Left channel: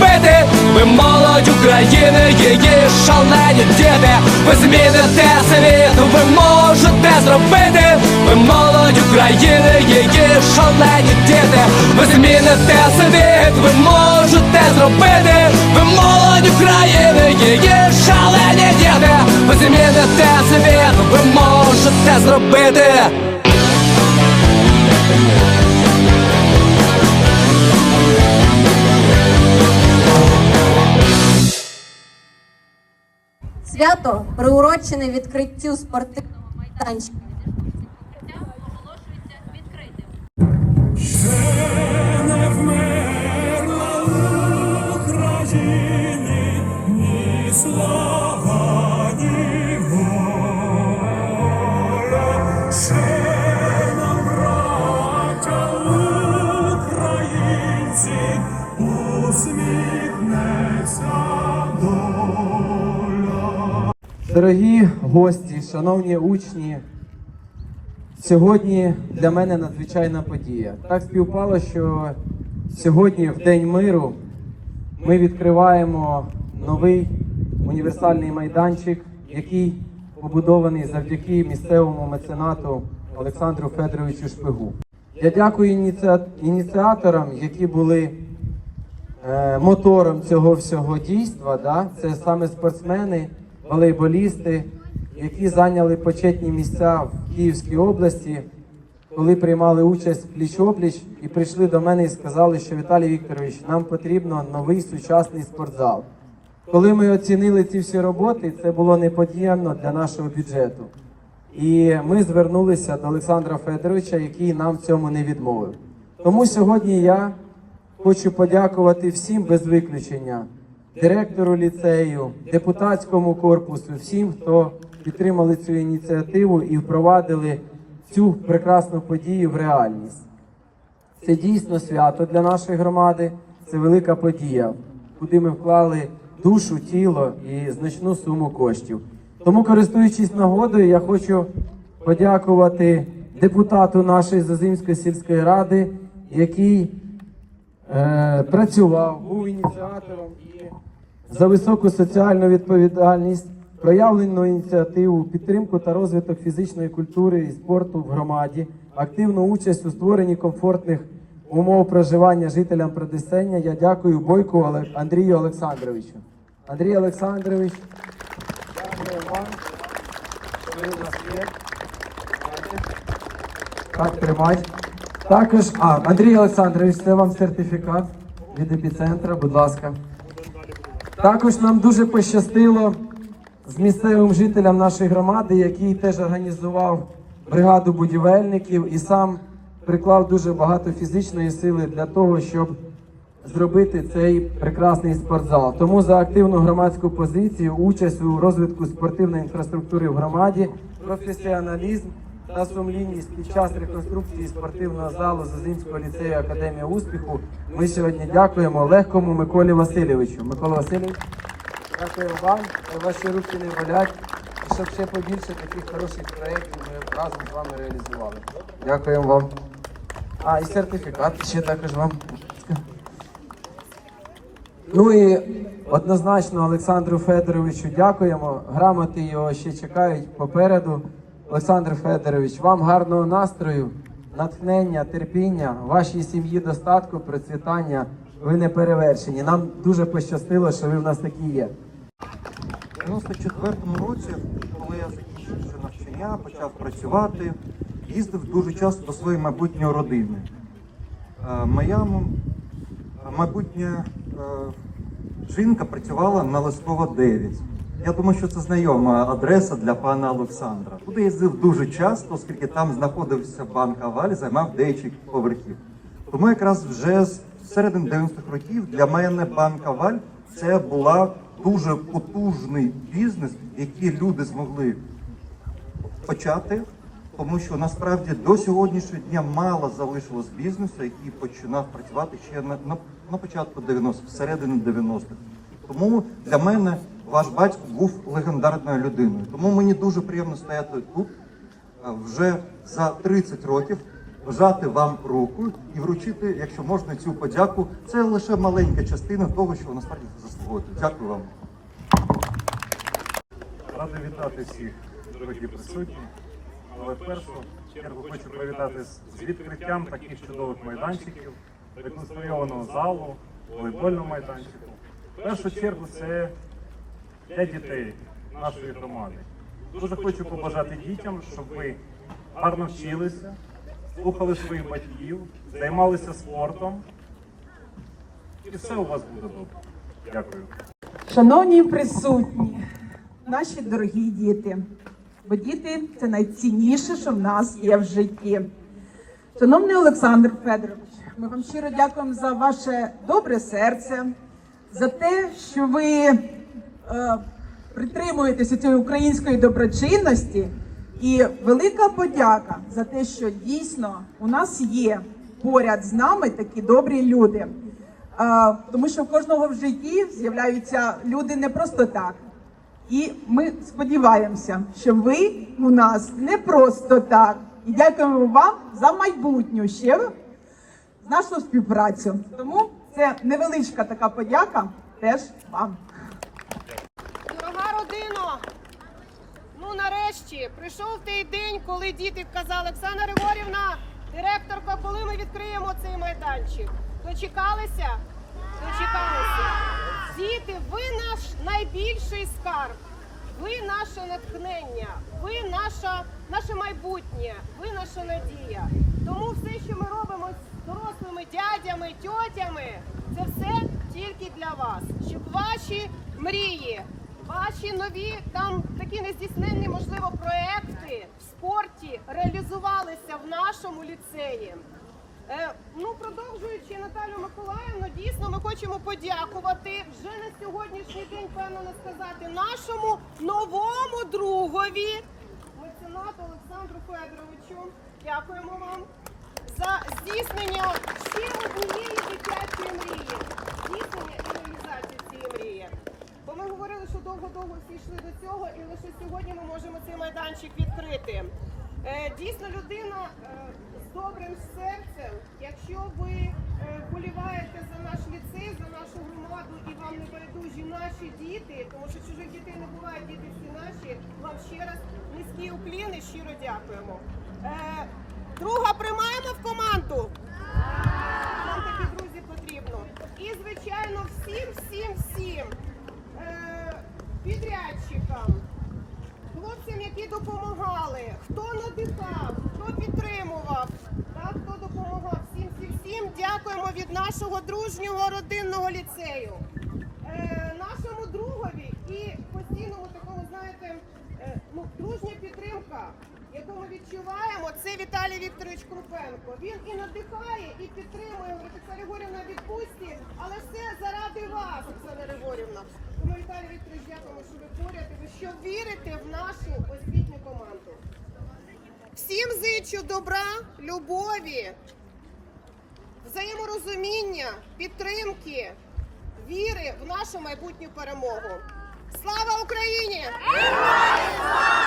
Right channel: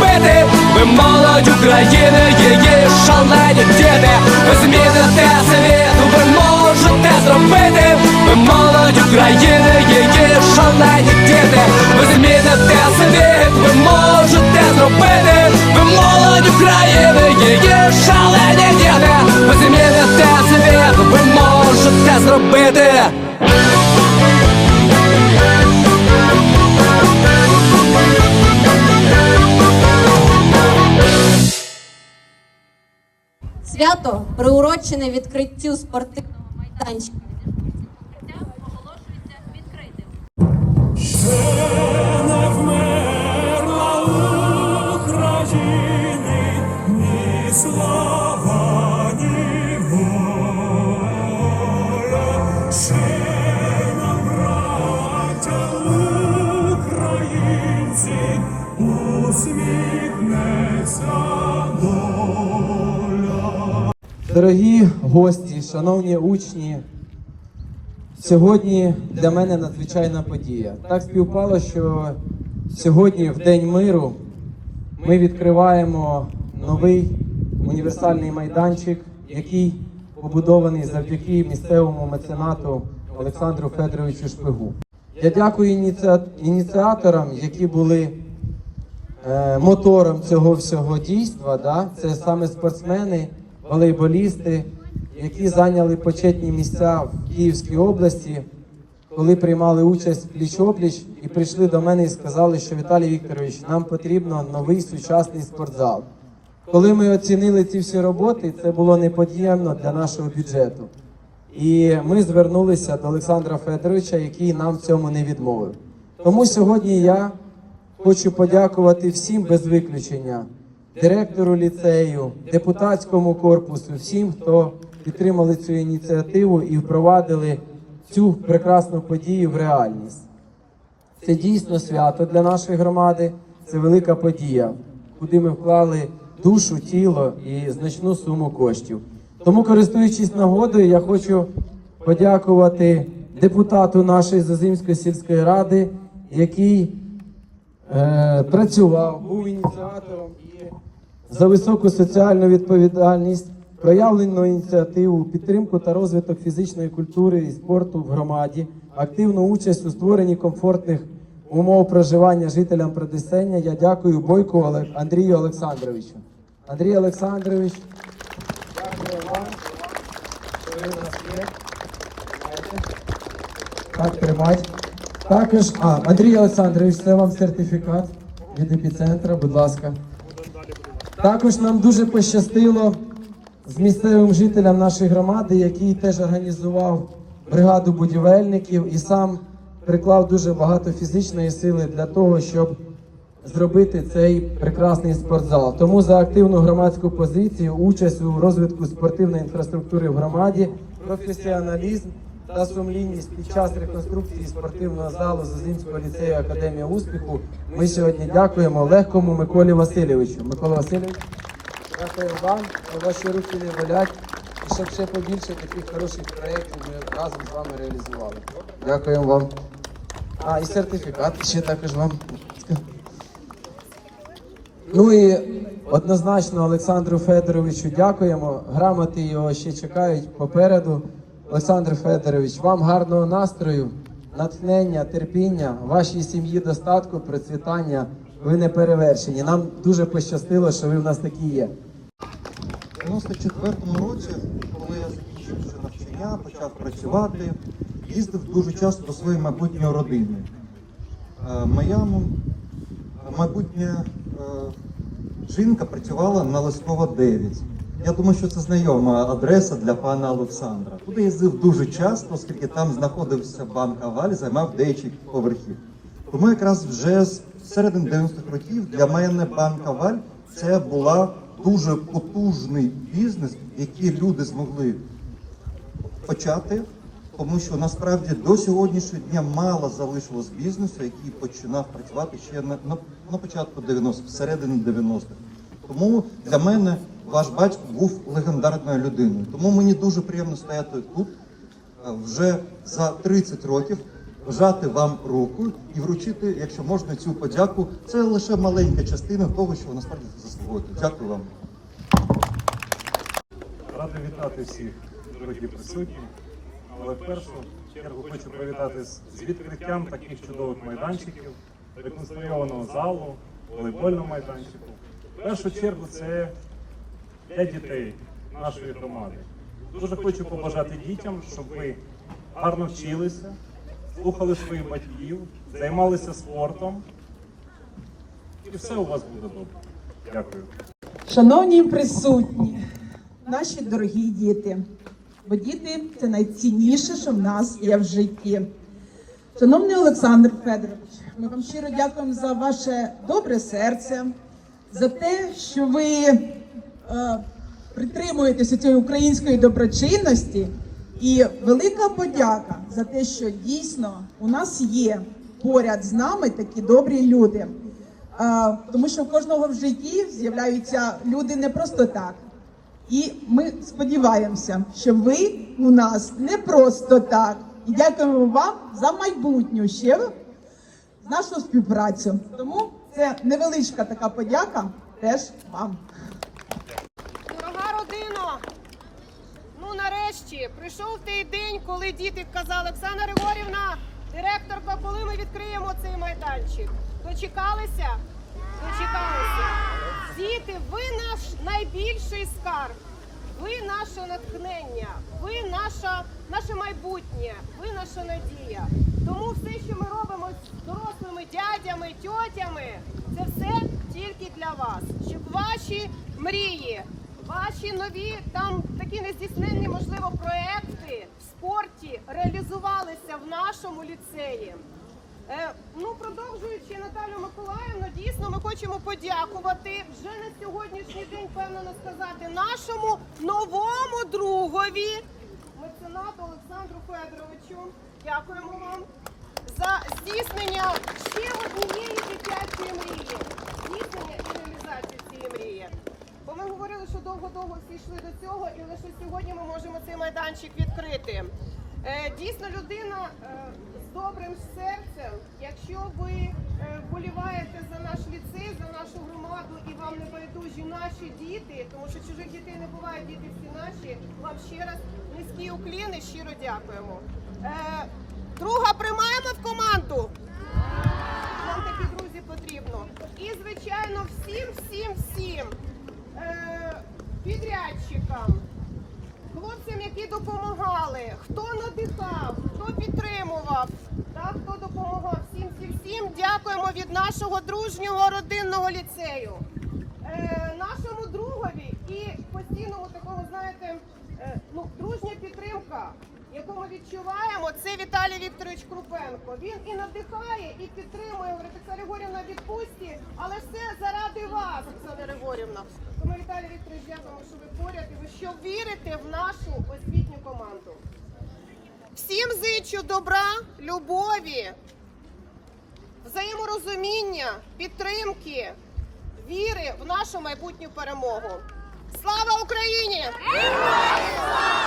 зробити. Ви молодь України, її шалені діти. Ви зміните світ, ви можете зробити. Ви молодь України, її шалені діти. Ви зміните світ, ви можете зробити. Ви молодь України, її шалені діти. Ви зміните світ, ви можете зробити. Свято приурочене відкриттю спортивного майданчика. Покриття оголошується відкритим. Гості, шановні учні, сьогодні для мене надзвичайна подія. Так співпало, що сьогодні, в День миру, ми відкриваємо новий універсальний майданчик, який побудований завдяки місцевому меценату Олександру Федоровичу Шпигу. Я дякую ініціаторам, які були е, мотором цього всього дійства. Да? Це саме спортсмени, волейболісти, які зайняли почетні місця в Київській області, коли приймали участь пліч-опліч і прийшли до мене і сказали, що Віталій Вікторович, нам потрібно новий сучасний спортзал. Коли ми оцінили ці всі роботи, це було непод'ємно для нашого бюджету. І ми звернулися до Олександра Федоровича, який нам в цьому не відмовив. Тому сьогодні я хочу подякувати всім без виключення, директору ліцею, депутатському корпусу, всім, хто підтримали цю ініціативу і впровадили цю прекрасну подію в реальність. Це дійсно свято для нашої громади, це велика подія, куди ми вклали душу, тіло і значну суму коштів. Тому, користуючись нагодою, я хочу подякувати депутату нашої Зазимської сільської ради, який е, працював, був ініціатором за високу соціальну відповідальність, проявлену ініціативу, підтримку та розвиток фізичної культури і спорту в громаді, активну участь у створенні комфортних умов проживання жителям Придесення. Я дякую Бойку Андрію Олександровичу. Андрій Олександрович, дякую вам, що ви нас є. Так, тримать. Також, а, Андрій Олександрович, це вам сертифікат від епіцентра, будь ласка. Також нам дуже пощастило з місцевим жителям нашої громади, який теж організував бригаду будівельників і сам приклав дуже багато фізичної сили для того, щоб зробити цей прекрасний спортзал. Тому за активну громадську позицію, участь у розвитку спортивної інфраструктури в громаді, професіоналізм та сумлінність під час реконструкції спортивного залу Зазимського ліцею Академії успіху. Ми сьогодні дякуємо легкому Миколі Васильовичу. Микола Васильович, дякую вам. Ваші руки не болять. І щоб ще побільше таких хороших проєктів ми разом з вами реалізували. Дякуємо вам. А, і сертифікат ще також вам. Ну і однозначно Олександру Федоровичу дякуємо. Грамоти його ще чекають попереду. Олександр Федорович, вам гарного настрою, натхнення, терпіння, вашій сім'ї достатку, процвітання. Ви не перевершені. Нам дуже пощастило, що ви в нас такі є. У 94-му році, коли я закінчив це навчання, почав працювати, їздив дуже часто до своєї майбутньої родини. Е, Моя майбутня е, жінка працювала на Лескова 9. Я думаю, що це знайома адреса для пана Олександра. Туди їздив дуже часто, оскільки там знаходився банк Аваль, займав деяких поверхів. Тому якраз вже з середини 90-х років для мене банк Аваль це була дуже потужний бізнес, який люди змогли почати, тому що насправді до сьогоднішнього дня мало залишилось бізнесу, який починав працювати ще на, на, на початку 90-х, всередині 90-х. Тому для мене ваш батько був легендарною людиною. Тому мені дуже приємно стояти тут е, вже за 30 років вжати вам руку і вручити, якщо можна, цю подяку. Це лише маленька частина того, що ви насправді заслуговуєте. Дякую вам. Радий вітати всіх, дорогі присутні. Але в першу чергу хочу привітати з відкриттям таких чудових майданчиків, реконструйованого залу, волейбольного майданчика. В першу чергу це для дітей нашої громади. Дуже хочу побажати дітям, щоб ви гарно вчилися, слухали своїх батьків, займалися спортом. І все у вас буде добре. Дякую. Шановні присутні, наші дорогі діти, бо діти це найцінніше, що в нас є в житті. Шановний Олександр Федорович, ми вам щиро дякуємо за ваше добре серце, за те, що ви притримуєтеся цієї української доброчинності. І велика подяка за те, що дійсно у нас є поряд з нами такі добрі люди. Тому що в кожного в житті з'являються люди не просто так. І ми сподіваємося, що ви у нас не просто так. І дякуємо вам за майбутню ще нашу співпрацю. Тому це невеличка така подяка теж вам. Родино, ну нарешті прийшов той день, коли діти казали, Оксана Григорівна, директорка, коли ми відкриємо цей майданчик. Дочекалися? Дочекалися. Діти, ви наш найбільший скарб. Ви наше натхнення, ви наша, наше майбутнє, ви наша надія. Тому все, що ми робимо з дорослими дядями, тьотями, це все тільки для вас, щоб ваші мрії, ваші нові там такі нездійсненні, можливо, проекти в спорті реалізувалися в нашому ліцеї. Е, ну, продовжуючи Наталю Миколаївну, дійсно ми хочемо подякувати вже на сьогоднішній день, певно сказати, нашому новому другові, меценату Олександру Федоровичу. Дякуємо вам за здійснення ще однієї дитячої мрії. Здійснення і реалізацію цієї мрії. Бо ми говорили, що довго-довго всі йшли до цього, і лише сьогодні ми можемо цей майданчик відкрити. Е, Дійсно, людина е, з добрим серцем, якщо ви е, вболіваєте за наш ліцей, за нашу громаду і вам не байдужі наші діти, тому що чужих дітей не буває, діти всі наші. Вам ще раз низькі укліни, щиро дякуємо. Друга приймаємо в команду. Нам такі друзі потрібно. І, звичайно, всім, всім, всім підрядчикам, хлопцям, які допомагали, хто надихав, хто підтримував, та, хто допомагав, всім, всім, всім дякуємо від нашого дружнього родинного ліцею. Е, нашому другові і постійному такого, знаєте, е, ну, дружня підтримка, яку ми відчуваємо, це Віталій Вікторович Крупенко. Він і надихає, і підтримує. Оксана Григорівна відпустці, але все заради вас, Оксана Григорівна. Тому Віталій Вікторович, дякуємо, що ви поряд і ви що вірите в нашу освітню команду. Всім зичу добра, любові, взаєморозуміння, підтримки, віри в нашу майбутню перемогу. Слава Україні! Героям слава!